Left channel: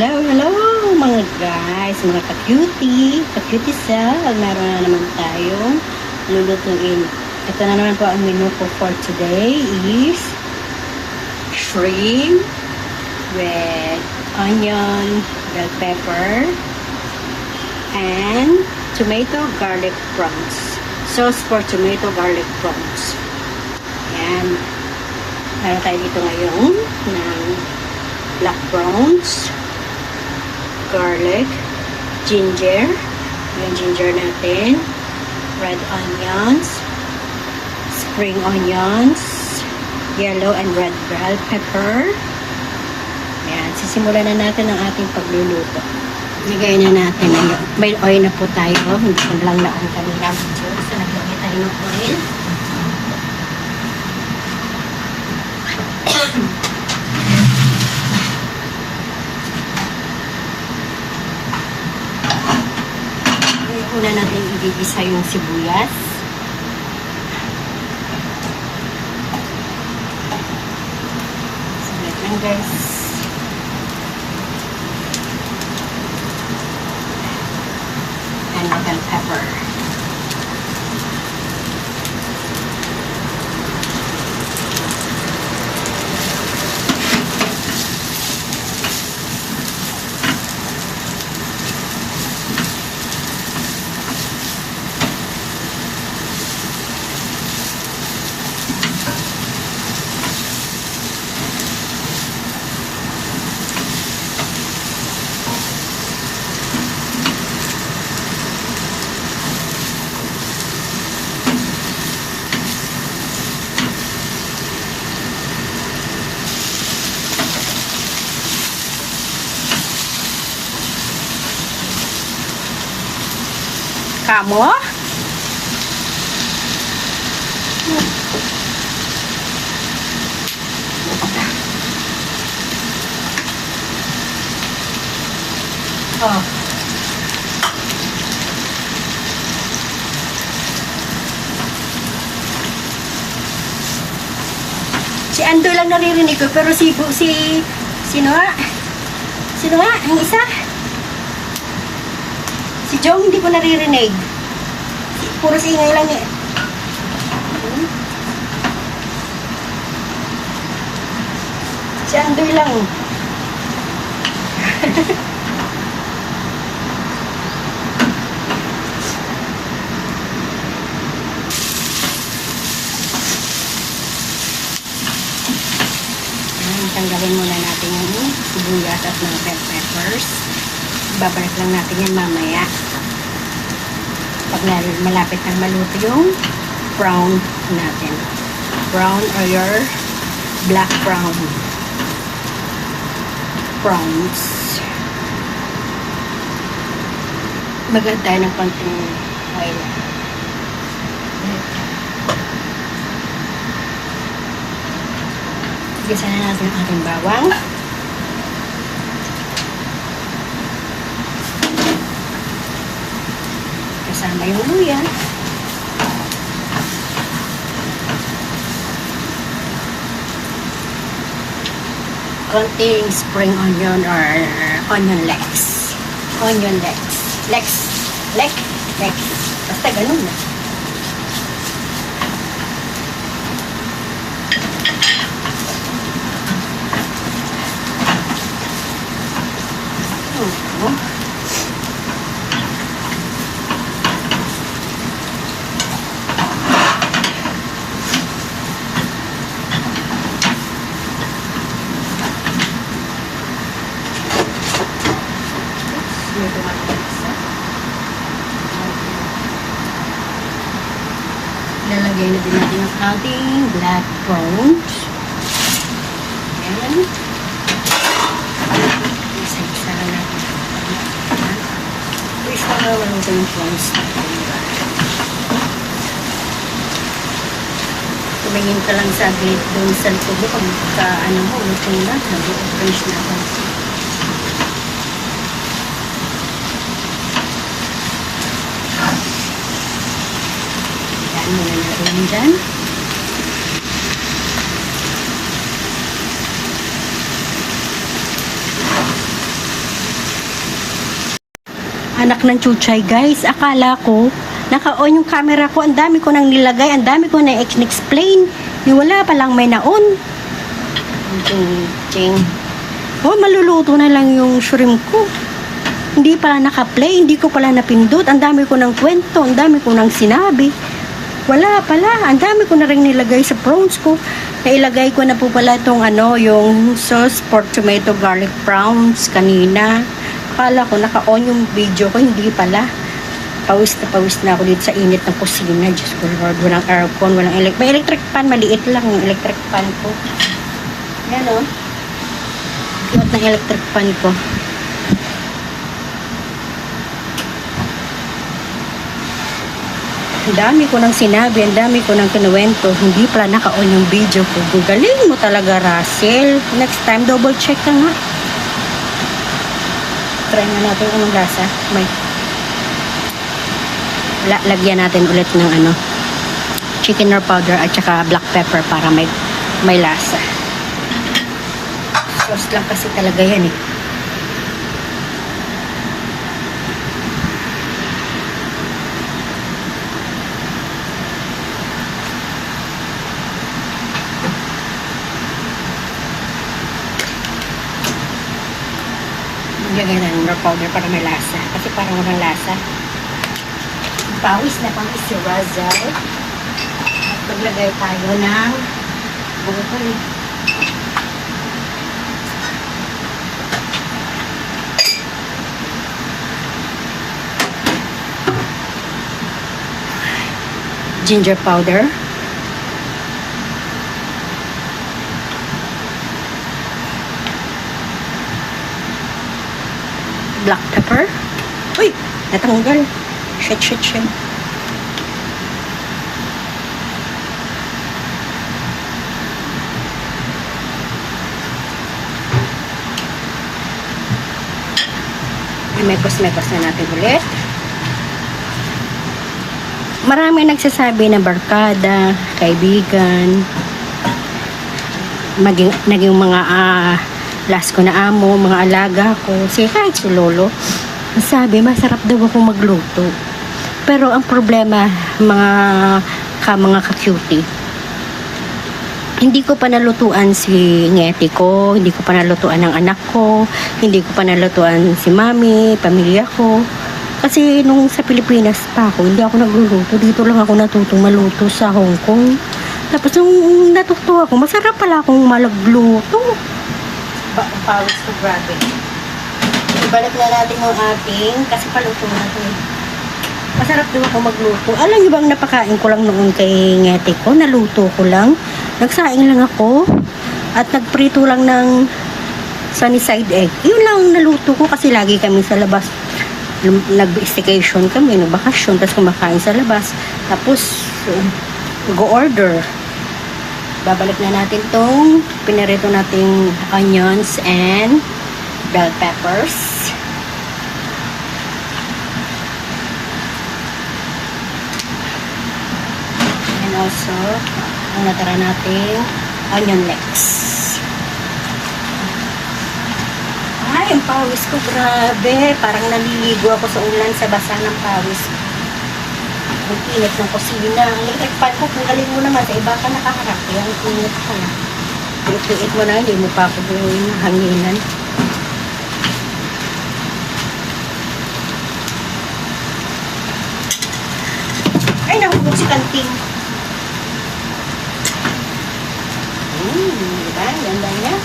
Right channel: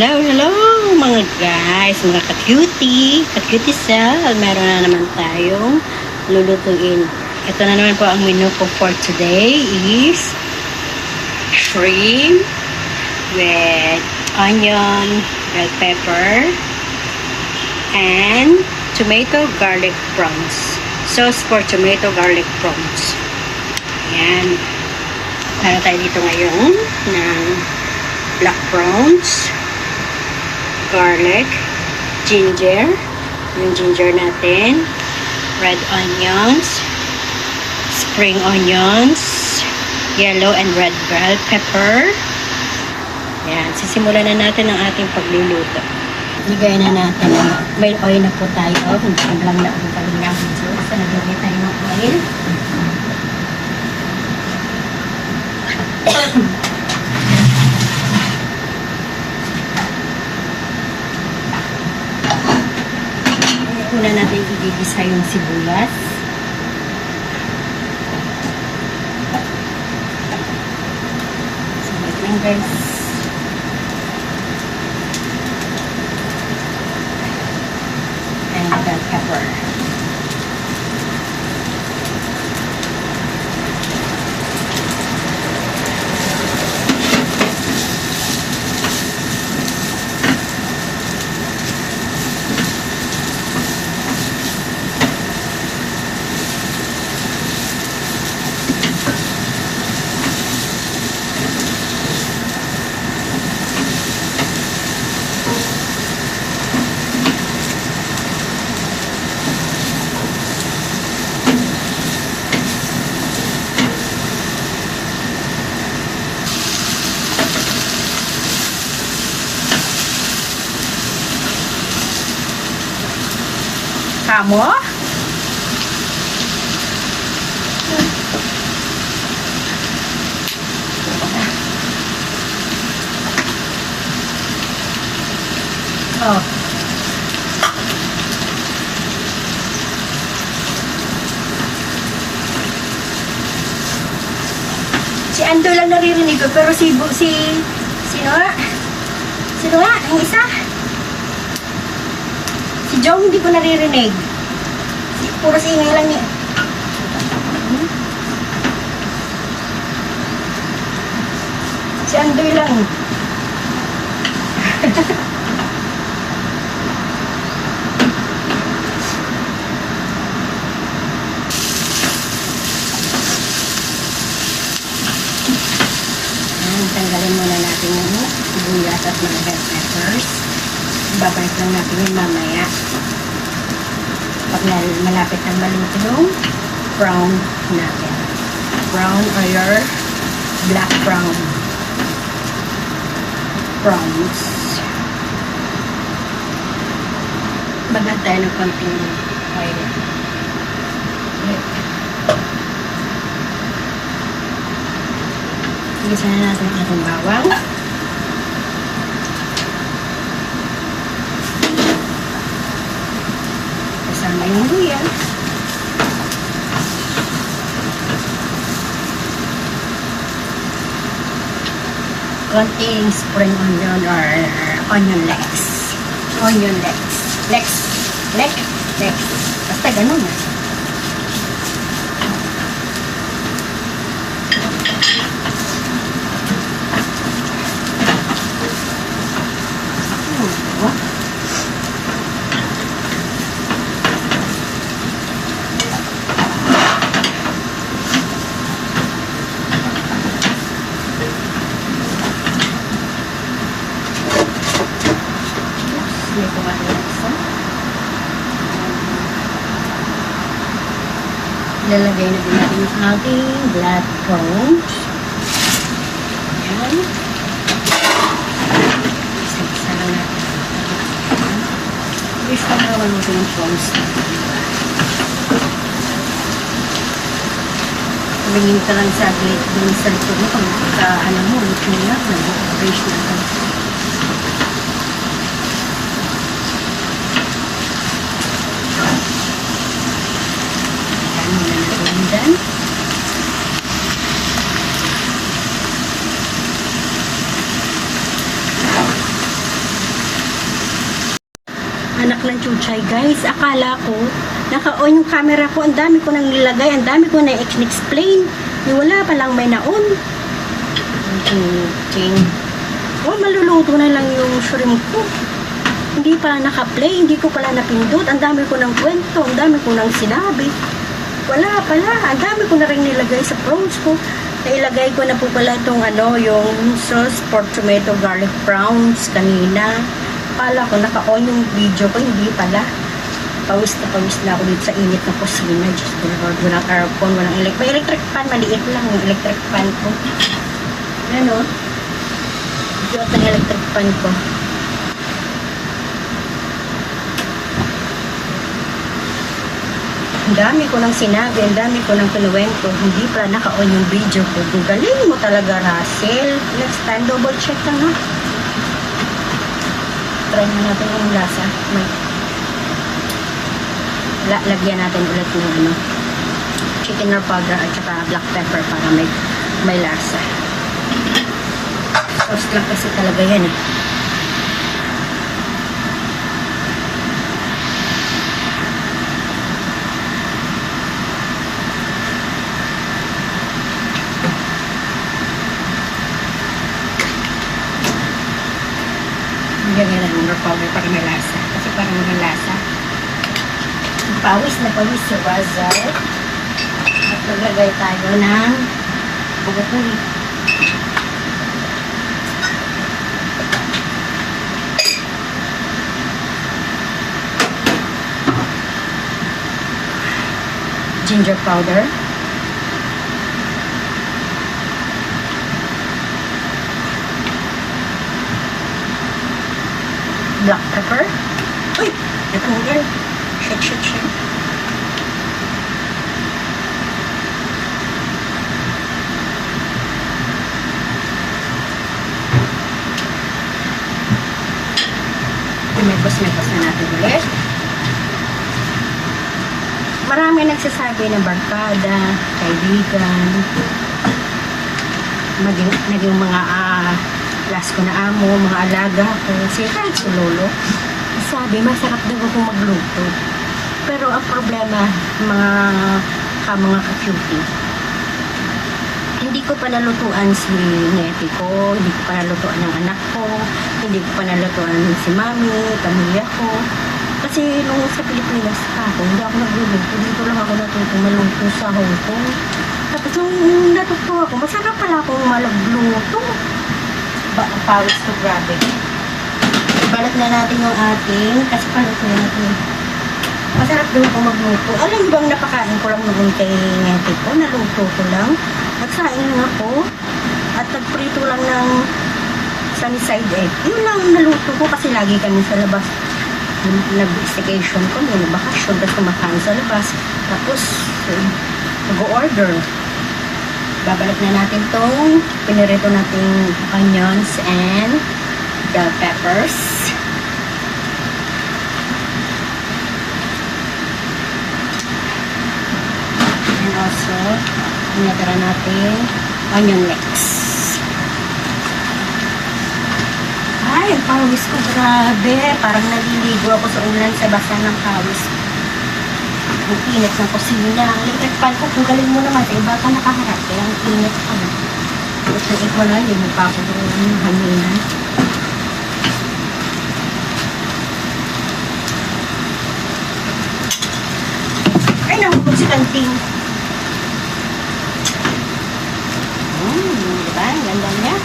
Hello, hello mga guys, mga ka-cutie, ka-cutie cell. Meron na naman tayong lulutuin. Ito na naman po ang menu ko for today is shrimp with onion, bell pepper, and tomato garlic prawns. Sauce for tomato garlic prawns. Ayan. Meron tayo dito ngayon ng black prawns, garlic, ginger, yung ginger natin, red onions, spring onions, yellow and red bell pepper. Ayan, sisimulan na natin ang ating pagluluto. Ligay na natin, may oil na po tayo, hindi lang na oil kami naman. So, naglalagay tayo ng oil. Una natin igigisa yung sibuyas. Saglit lang guys. And bell pepper. Kamo? Oh. Si Ando lang naririnig ko, pero sino nga? Sino nga? Ang isa? Si Jong hindi ko naririnig. Puro singay lang niya. Si Andoy lang. Tanggalin muna natin yung sibuyas at mga bell peppers. Babalik lang natin yan mamaya. Pag malapit na maluto yung brown natin. Brown or your black brown prawns. Magal tayo ng konting oil. Igisa na natin ang ating bawang. Kasama yung luya. Konting spring onion or onion legs. Onion legs. Legs. Basta ganun na. Lalagay na din natin yung ating black prawns. Ayan. Isa-isa lang natin. Isa lang maluto yung prawns. Tumingin ka lang sa glit dun sa tubo kung ano mo, luto na, nag-orange na ito. Dyan. anak ng chuchay, guys. Akala ko, naka-on yung camera ko. Ang dami ko nang nilagay. Ang dami ko na explain. Wala palang may naon. Oh, maluluto na lang yung shrimp ko. Hindi pala naka-play. Hindi ko pala napindot. Ang dami ko ng kwento. Ang dami ko nang sinabi. Wala pala. Ang dami ko na rin nilagay sa prawns ko. Nailagay ko na po pala itong yung sauce pork tomato garlic prawns kanina. Akala ko naka-on yung video ko. Hindi pala. Pawis na ako dito sa init ng kusina. Diyos ko Lord. Walang aircon. May electric fan. Maliit lang yung electric fan ko. Yan o. Ito ng electric fan ko. Ang dami ko nang sinabi, ang dami ko nang kinuwento, hindi pala naka-on yung video ko. Galing mo talaga, Russell. Next time, double check lang ha. Try na natin yung lasa. Lagyan natin ulit ng chicken or powder at saka black pepper para may lasa. Sauce lang kasi talaga yan eh. Lagyan ng powder para may lasa. Kasi parang walang lasa. Pawis na pawis si Russell. Maglagay tayo ng ginger powder. Black pepper. Uy! Natanggal. Shit. Mekos na natin ulit. Marami nagsasabi na barkada, kaibigan, naging mga last ko na amo, mga alaga ko, kahit si Lolo, sabi, masarap daw akong magluto. Pero ang problema, mga ka-cutie, hindi ko pa nalutuan si ngeti ko, hindi ko pa nalutuan ng anak ko, hindi ko pa nalutuan si mami, pamilya ko. Kasi nung sa Pilipinas pa ako, hindi ako nagluluto. Dito lang ako natutong maluto sa Hong Kong. Tapos nung natuto ako, masarap pala akong malagluto. Pawis ko, grabe. Ibalik na natin yung ating, kasi paluto natin. Masarap daw ako magluto. Alam niyo bang napakain ko lang noon kay ngeti ko? Naluto ko lang. Nagsaing lang ako. At nagprito lang ng sunny side egg. Yun lang naluto ko kasi lagi kami sa labas. Nag-staycation kami, nagbakasyon, tapos kumakain sa labas. Tapos, go-order. Babalik na natin itong pinirito nating onions and bell peppers. And also, ang natara natin onion leeks. Ay, ang pawis ko, grabe. Parang naliligo ako sa ulan sa basa ng pawis. Ang init ng kusina. Ang electric fan ko, kung galing mo naman, sa iba ka nakaharap. Kaya ang init ko. Ito mo na, hindi mo pa ako yung hanginan. Ay, nahubog si kanting. Diba? Ganda niya.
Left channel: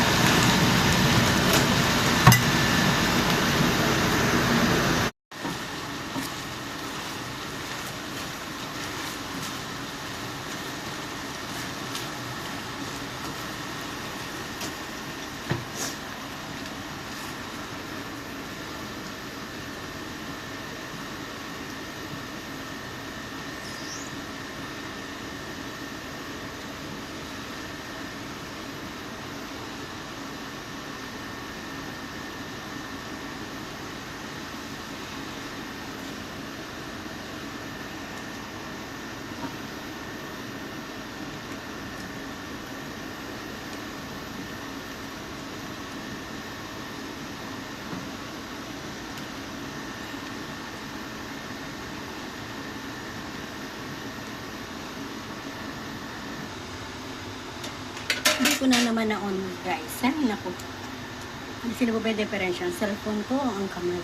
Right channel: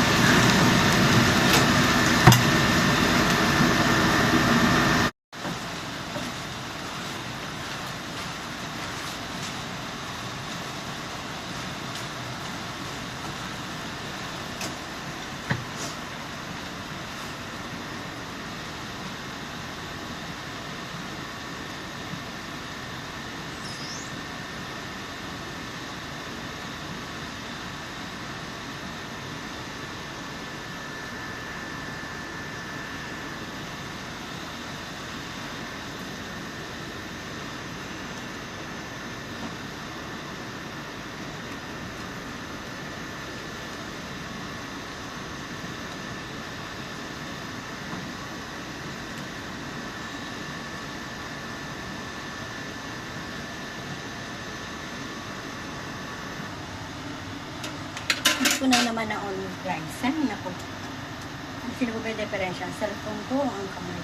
Hindi ko na naman na on guys. Ay, naku. Ano sila ba yung differential? Cellphone ko o ang kamay?